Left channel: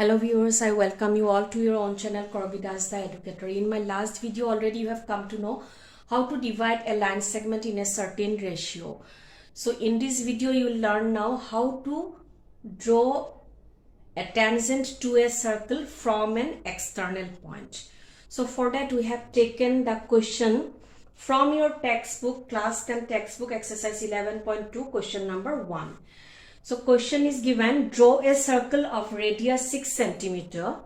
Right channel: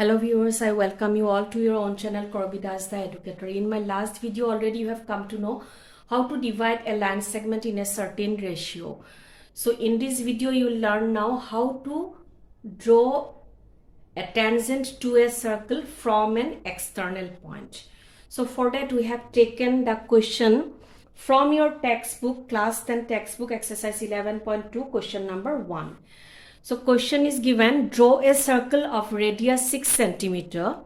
Hello viewers, I welcome you all to your own channel Korbidas the Educator. In my last video already you have come to know how to divide a line segment in a certain ratio. So in this video you will learn now how to draw a tangent to a circle from an external point. So for that we have taken the question from your textbook, class 10 textbook, exercise 11.2, question number 1. So question is given, draw a circle of radius 6 centimeter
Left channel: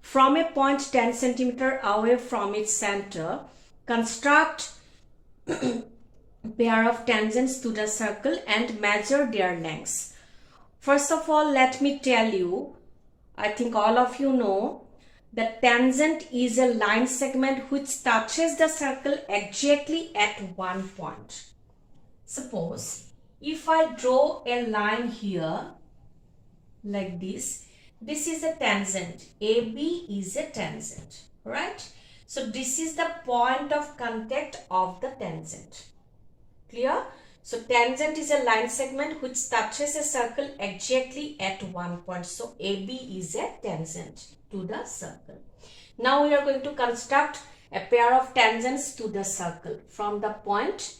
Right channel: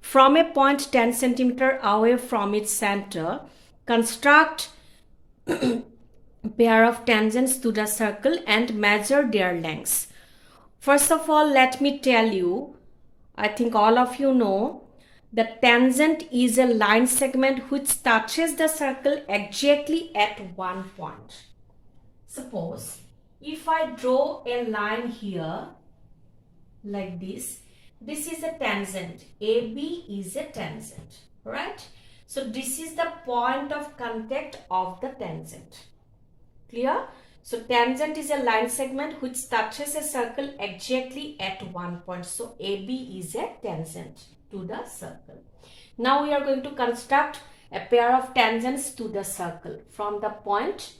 from a point 10 centimeter away from its center. Construct pair of tangents to the circle and measure their lengths. First of all, let me tell you, I think all of you know, the tangent is a line segment which touches the circle exactly at one point. Suppose if I draw a line here like this is a tangent. AB is a tangent, right? So this is the point of contact of the tangent. Clear? So tangent is a line segment which touches a circle exactly at one point. So AB is a tangent to the circle. Now we are going to construct a pair of tangents to the circle from the point,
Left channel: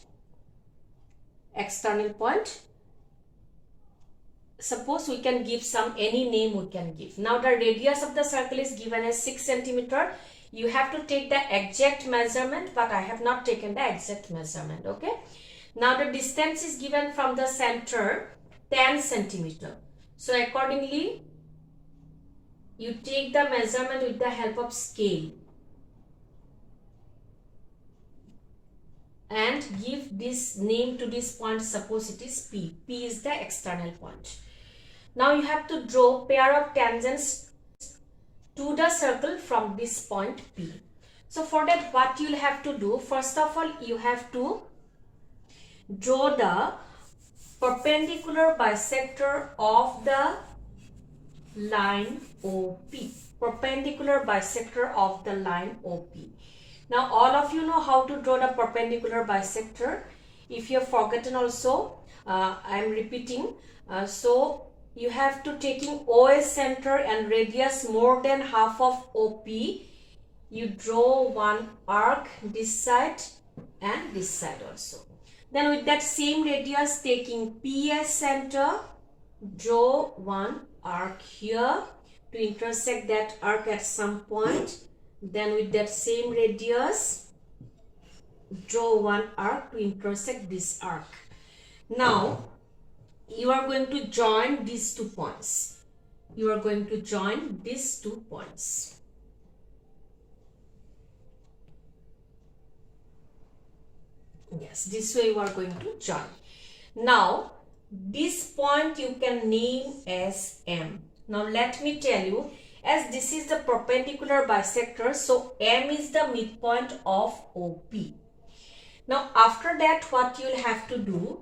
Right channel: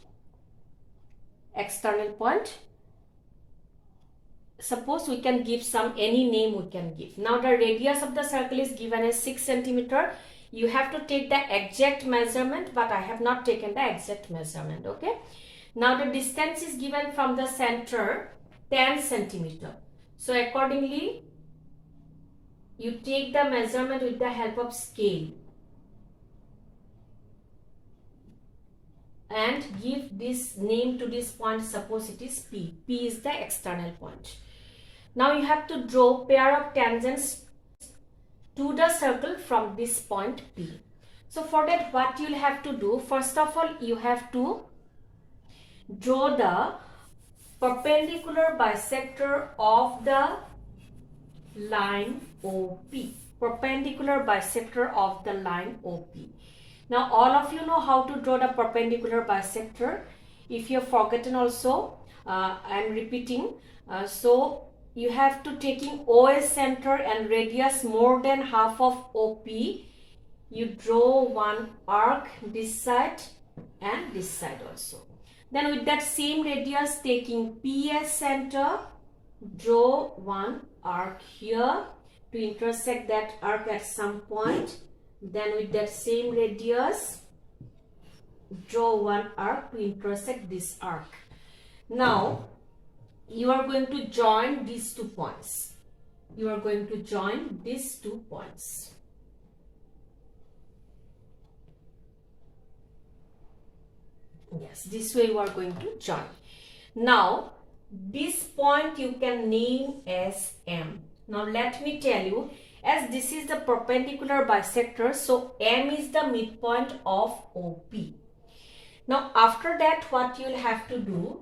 external point. Suppose we can give any name we can give. Now the radius of the circle is given as 6 centimeter. You have to take the exact measurement, but I have not taken the exact measurement. Okay. Now the distance is given from the center 10 centimeter. So accordingly, you take the measurement with the help of scale and give this name to this point. Suppose it is P. P is the external point. Now you have to draw pair of tangents to the circle from this point P. So for that, what you'll have to do, first of all, you have to draw the perpendicular bisector of the line OP. Perpendicular bisector of the line OP. Now all of you know how to draw the perpendicular bisector. If you have forgotten also, I am repeating. So you have to taking OS center and radius more than half of OP. You draw one arc this side and this side also. Then with that same radius, taking PS center, draw one arc here to intersect that arc at some point. Then with that same radius, draw one arc to intersect this arc. Now you are going to join these 2 points. You are going to join these 2 points. Yes, this way you are going to join. Now this point you can name as M. Now let me tell you, as this is the perpendicular bisector, so M is the midpoint of OP. Now after that, what you will have to do,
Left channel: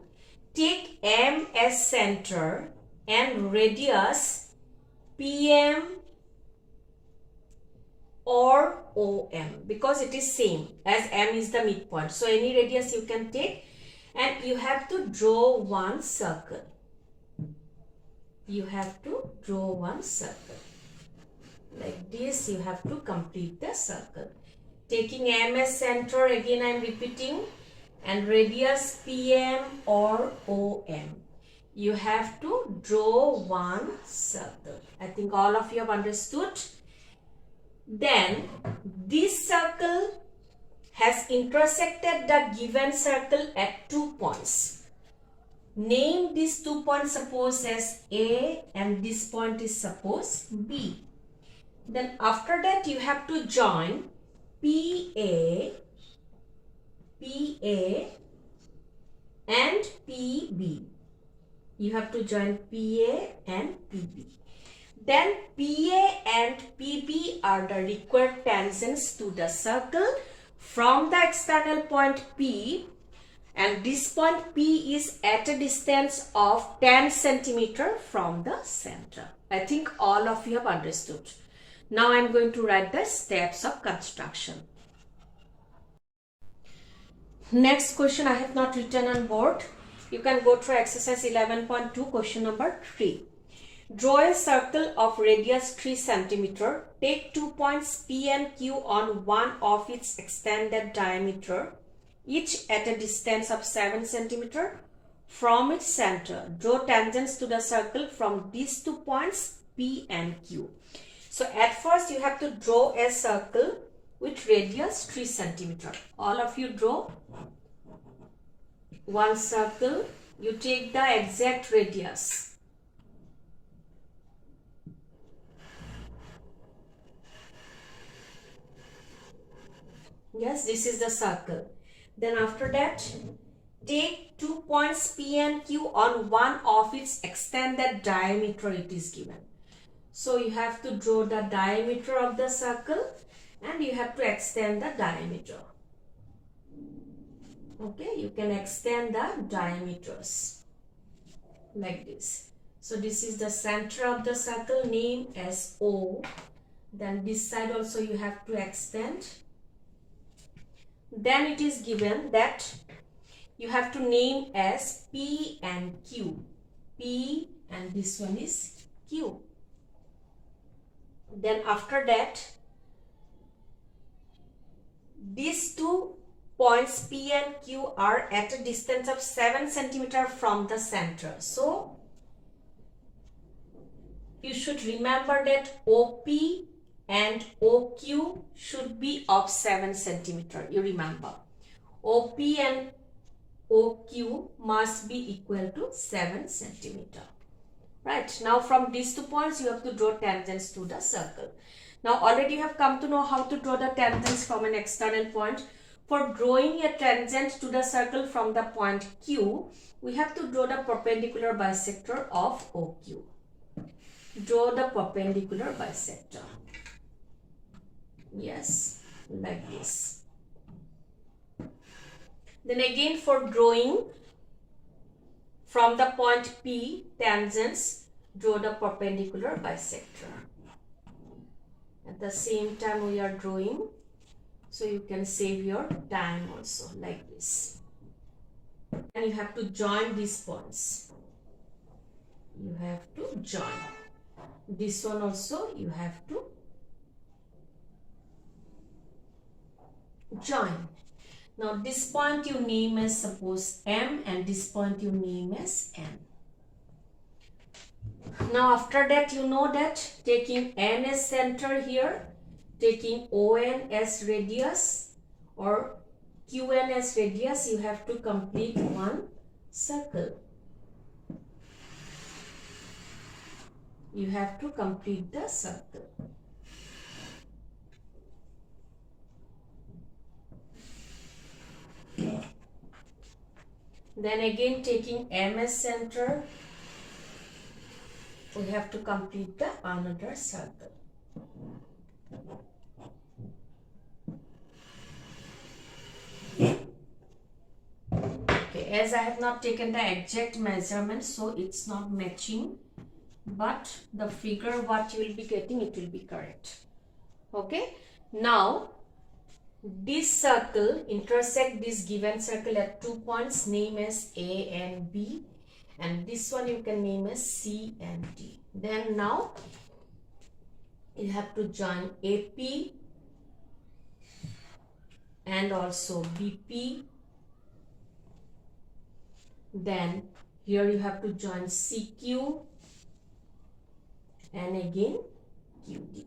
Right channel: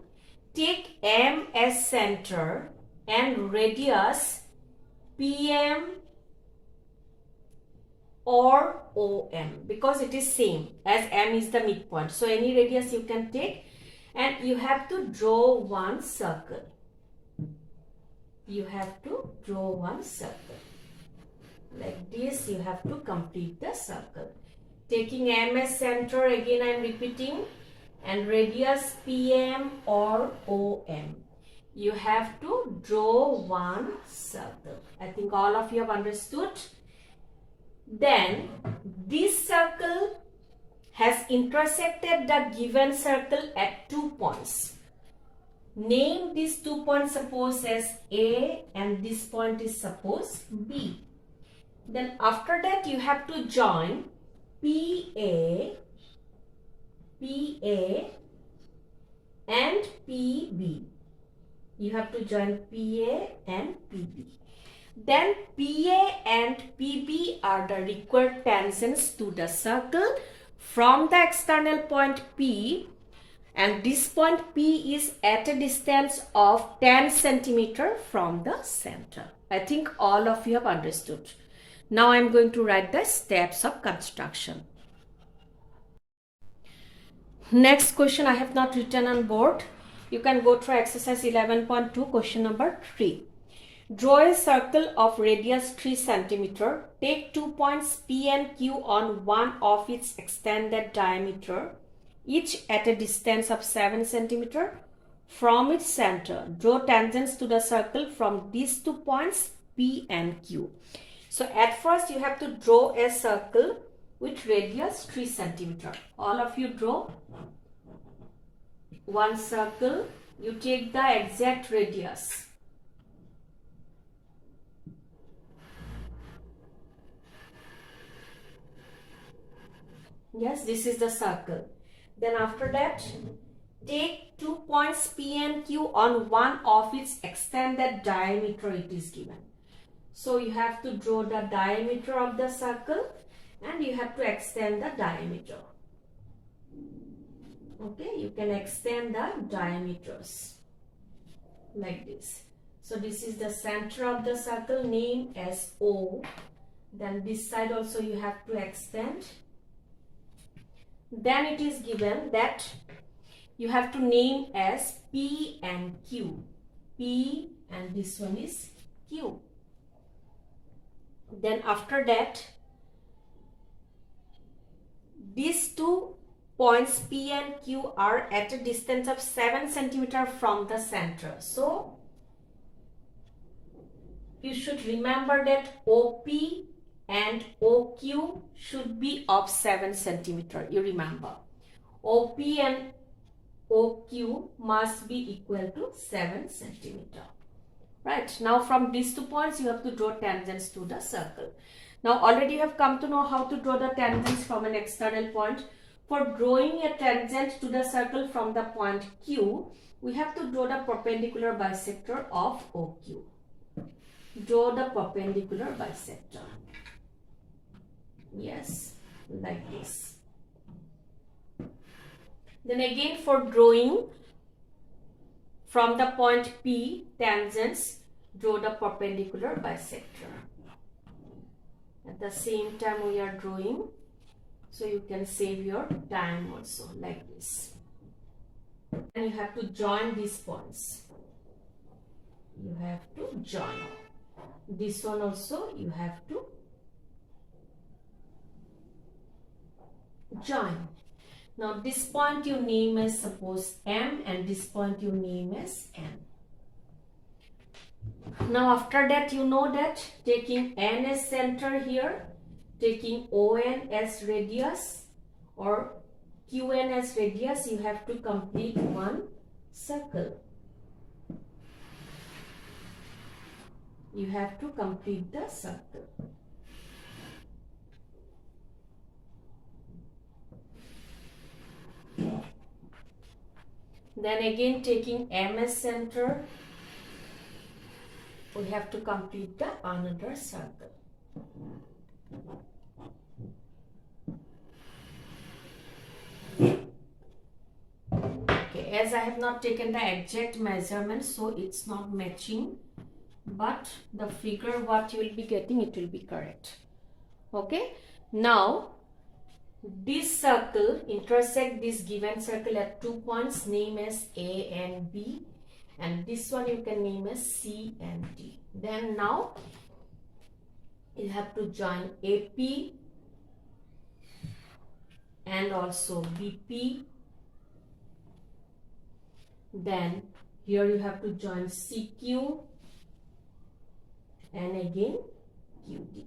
take M as center and radius PM or OM, because it is same as M is the midpoint. So any radius you can take, and you have to draw one circle. You have to draw one circle. Like this, you have to complete the circle. Taking M as center, again I am repeating, and radius PM or OM. You have to draw one circle. I think all of you have understood. Then this circle has intersected the given circle at 2 points. Name these 2 points, suppose as A, and this point is suppose B. Then after that you have to join PA and PB. You have to join PA and PB. Then PA and PB are the required tangents to the circle from the external point P, and this point P is at a distance of 10 centimeter from the center. I think all of you have understood. Now I am going to write the steps of construction. Next question I have not written on board. You can go through exercise 11.2, question number 3. Draw a circle of radius 3 cm. Take 2 points P and Q on one of its extended diameter, each at a distance of 7 cm from its center. Draw tangents to the circle from these 2 points P and Q. So at first you have to draw a circle with radius 3 cm. All of you draw one circle. You take the exact radius. Yes, this is the circle. Then after that, take 2 points P and Q on one of its extended diameter it is given. So you have to draw the diameter of the circle and you have to extend the diameter. Okay, you can extend the diameters like this. So this is the center of the circle, name as O. Then this side also you have to extend. Then it is given that you have to name as P and Q. P and this one is Q. Then after that, these 2 points P and Q are at a distance of 7 cm from the center. So you should remember that OP and OQ should be of 7 cm. You remember, OP and OQ must be equal to 7 cm. Right, now from these 2 points you have to draw tangents to the circle. Now already you have come to know how to draw the tangents from an external point. For drawing a tangent to the circle from the point Q, we have to draw the perpendicular bisector of OQ. Draw the perpendicular bisector. Yes, like this. Then again, for drawing from the point P tangents, draw the perpendicular bisector. At the same time we are drawing, so you can save your time also, like this. And you have to join these points. You have to join. This one also you have to join. Now this point you name as, suppose, M, and this point you name as N. Now after that, you know that taking N as center here, taking ON as radius or QN as radius, you have to complete one circle. You have to complete the circle. Then again, taking M as center, we have to complete the another circle. Okay, as I have not taken the exact measurement, so it's not matching, but the figure what you will be getting, it will be correct. Okay, now this circle intersect this given circle at 2 points, name as A and B, and this one you can name as C and D. Then now you have to join AP and also BP. Then here you have to join CQ and again QD.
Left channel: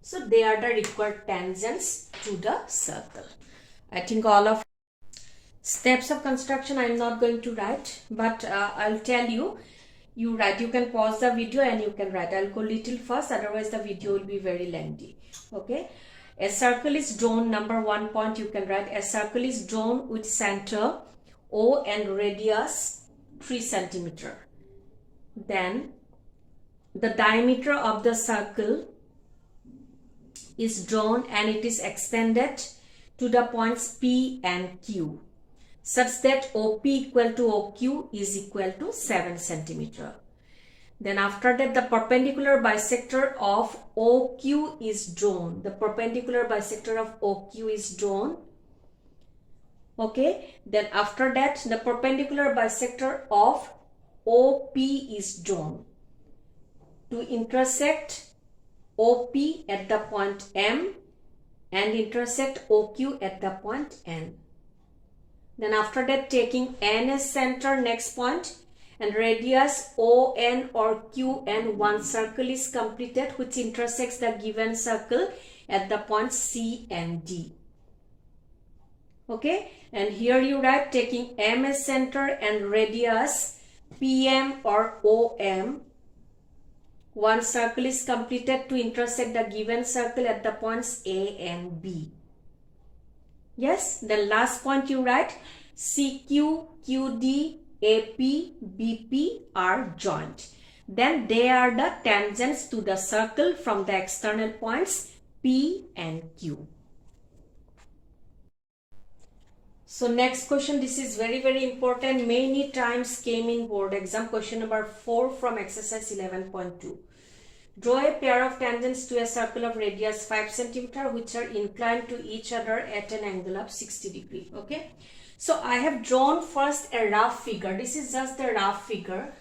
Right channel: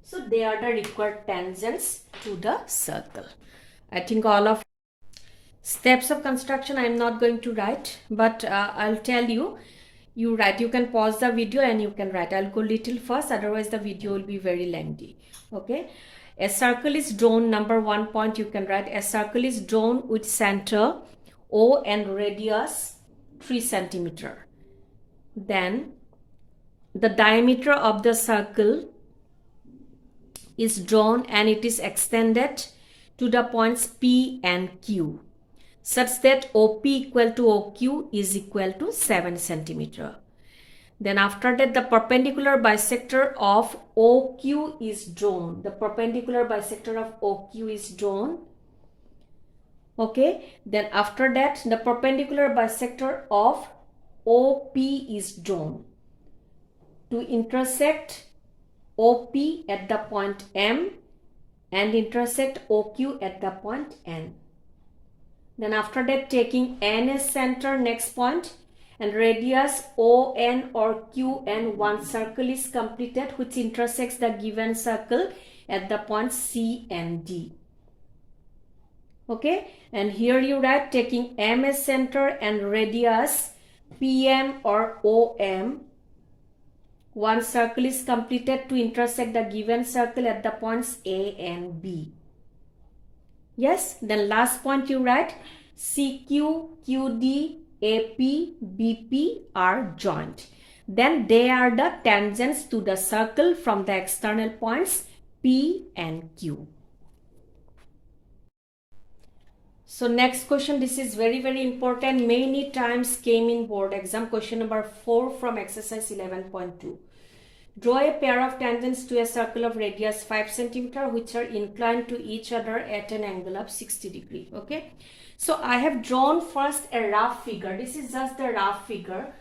So they are the required tangents to the circle. I think all of steps of construction I am not going to write, but I'll tell you, you write. You can pause the video and you can write. I'll go little first, otherwise the video will be very lengthy. Okay, a circle is drawn. Number 1 point you can write, a circle is drawn with center O and radius 3 cm. Then the diameter of the circle is drawn and it is extended to the points P and Q, such that OP equal to OQ is equal to 7 cm. Then after that, the perpendicular bisector of OQ is drawn. The perpendicular bisector of OQ is drawn. Okay, then after that, the perpendicular bisector of OP is drawn to intersect OP at the point M and intersect OQ at the point N. Then after that, taking N as center, next point, and radius ON or QN, one circle is completed which intersects the given circle at the point C and D. Okay, and here you write taking M as center and radius PM or OM, one circle is completed to intersect the given circle at the points A and B. Yes, then last point you write CQ, QD, AP, BP are joined. Then they are the tangents to the circle from the external points P and Q. So next question, this is very important. Many times came in board exam. Question number 4 from exercise 11.2. Draw a pair of tangents to a circle of radius 5 cm which are inclined to each other at an angle of 60 degree. Okay. So I have drawn first a rough figure. This is just the rough figure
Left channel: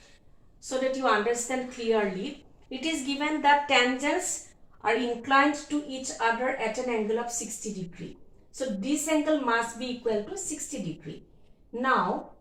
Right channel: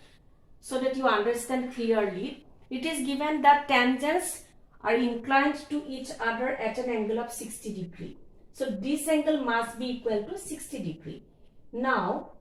so that you understand clearly. It is given that tangents are inclined to each other at an angle of 60 degree. So this angle must be equal to 60 degree. Now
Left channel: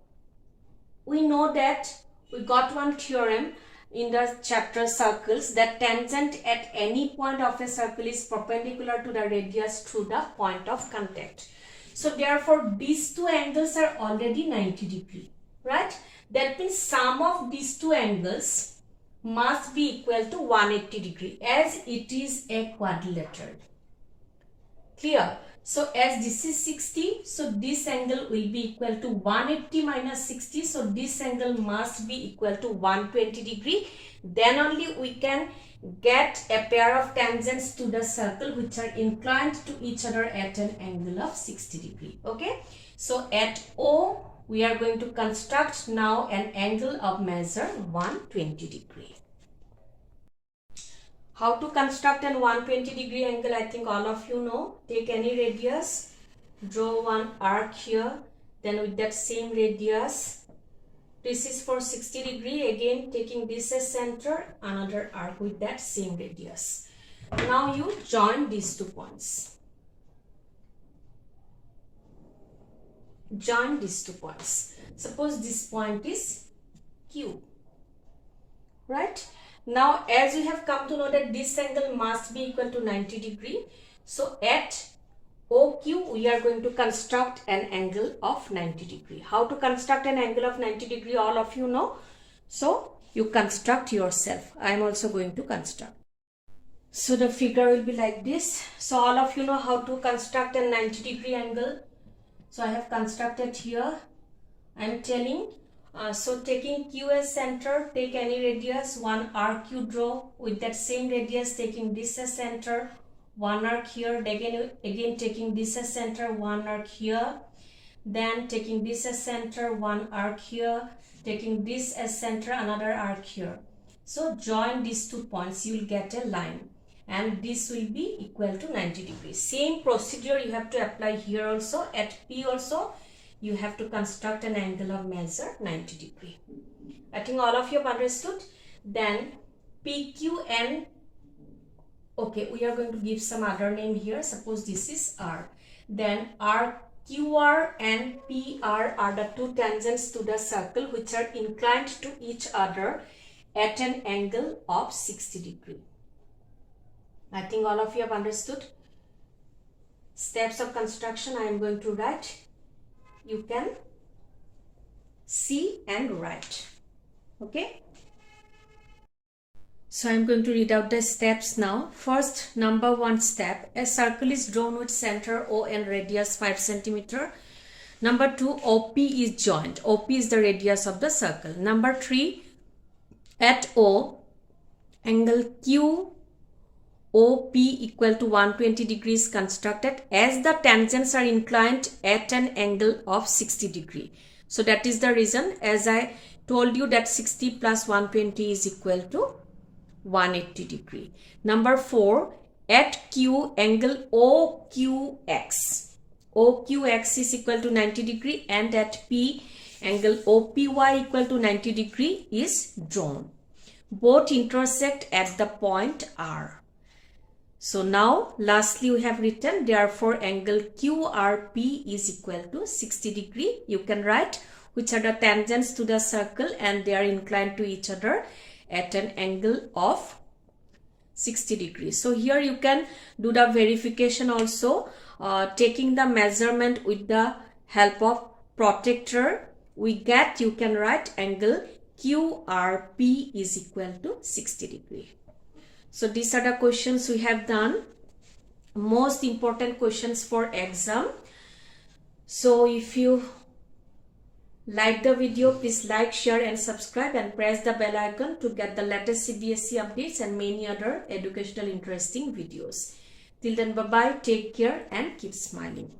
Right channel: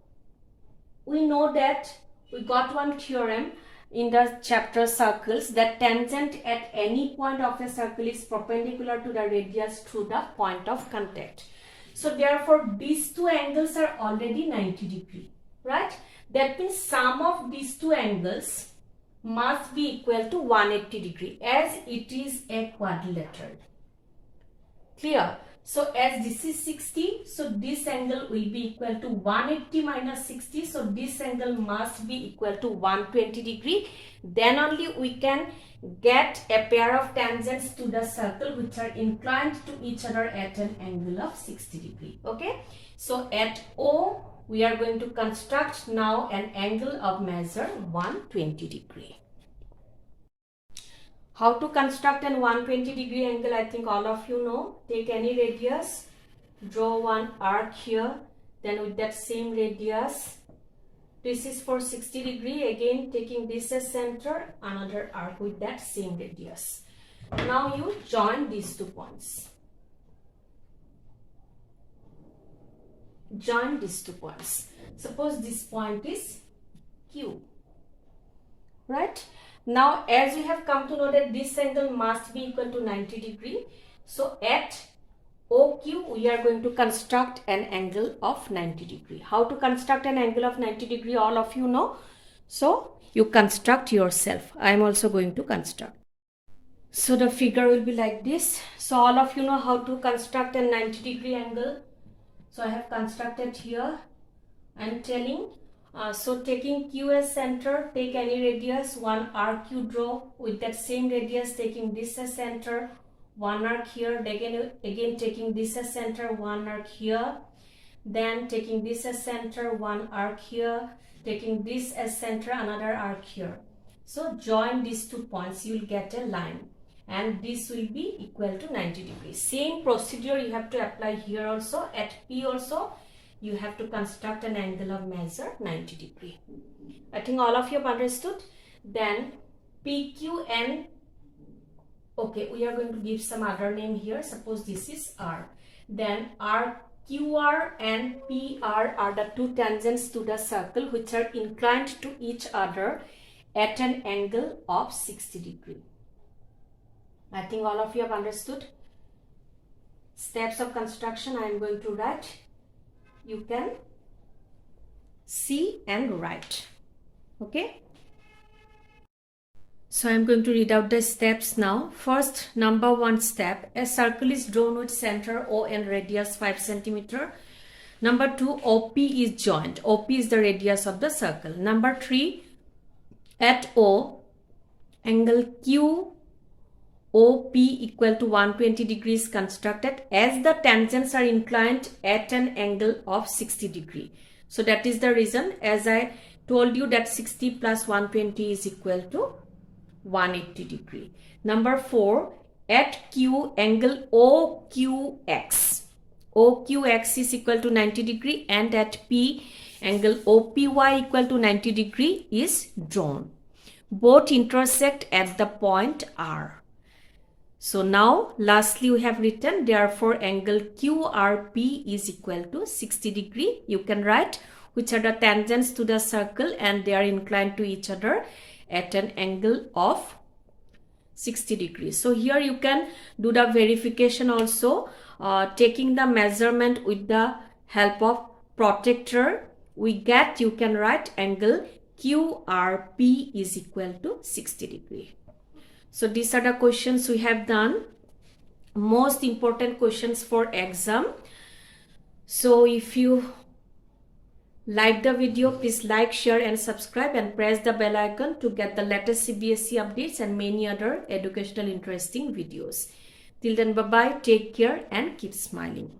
we know that we got one theorem in the chapter circles that tangent at any point of a circle is perpendicular to the radius through the point of contact. So therefore these two angles are already 90 degree, right? That means sum of these two angles must be equal to 180 degree as it is a quadrilateral. Clear? So as this is 60, so this angle will be equal to 180 minus 60. So this angle must be equal to 120 degree. Then only we can get a pair of tangents to the circle which are inclined to each other at an angle of 60 degree. Okay. So at O, we are going to construct now an angle of measure 120 degree. How to construct an 120 degree angle, I think all of you know. Take any radius, draw one arc here, then with that same radius, this is for 60 degree, again taking this as center, another arc with that same radius. Now you join these two points. Join these two points. Suppose this point is Q, right? Now as you have come to know that this angle must be equal to 90 degree. So at OQ we are going to construct an angle of 90 degree. How to construct an angle of 90 degree all of you know. So you construct yourself. I am also going to construct. So the figure will be like this. So all of you know how to construct a 90 degree angle. So I have constructed here. I am telling. So taking Q as center, take any radius, one arc you draw with that same radius, taking this as center, one arc here, again taking this as center, one arc here, then taking this as center, one arc here, taking this as center, another arc here. So join these two points, you will get a line and this will be equal to 90 degrees. Same procedure you have to apply here also. At P also you have to construct an angle of measure 90 degree. I think all of you have understood. Then PQN, okay, we are going to give some other name here. Suppose this is R. Then RQR and PR are the two tangents to the circle which are inclined to each other at an angle of 60 degree. I think all of you have understood. Steps of construction I am going to write. You can see and write. Okay. So I am going to read out the steps now. First, number 1 step. A circle is drawn with center O and radius 5 cm. Number 2, OP is joined. OP is the radius of the circle. Number 3, at O, angle Q OP equal to 120 degrees constructed as the tangents are inclined at an angle of 60 degree. So that is the reason, as I told you, that 60 plus 120 is equal to 180 degree. Number 4, at Q, angle OQX. OQX is equal to 90 degree, and at P, angle OPY equal to 90 degree is drawn. Both intersect at the point R. So now lastly we have written, therefore angle QRP is equal to 60 degree. You can write which are the tangents to the circle and they are inclined to each other at an angle of 60 degrees. So here you can do the verification also, taking the measurement with the help of protractor. We get, you can write angle QRP is equal to 60 degree. So these are the questions we have done, most important questions for exam. So if you like the video, please like, share and subscribe and press the bell icon to get the latest CBSE updates and many other educational interesting videos. Till then, bye bye, take care and keep smiling.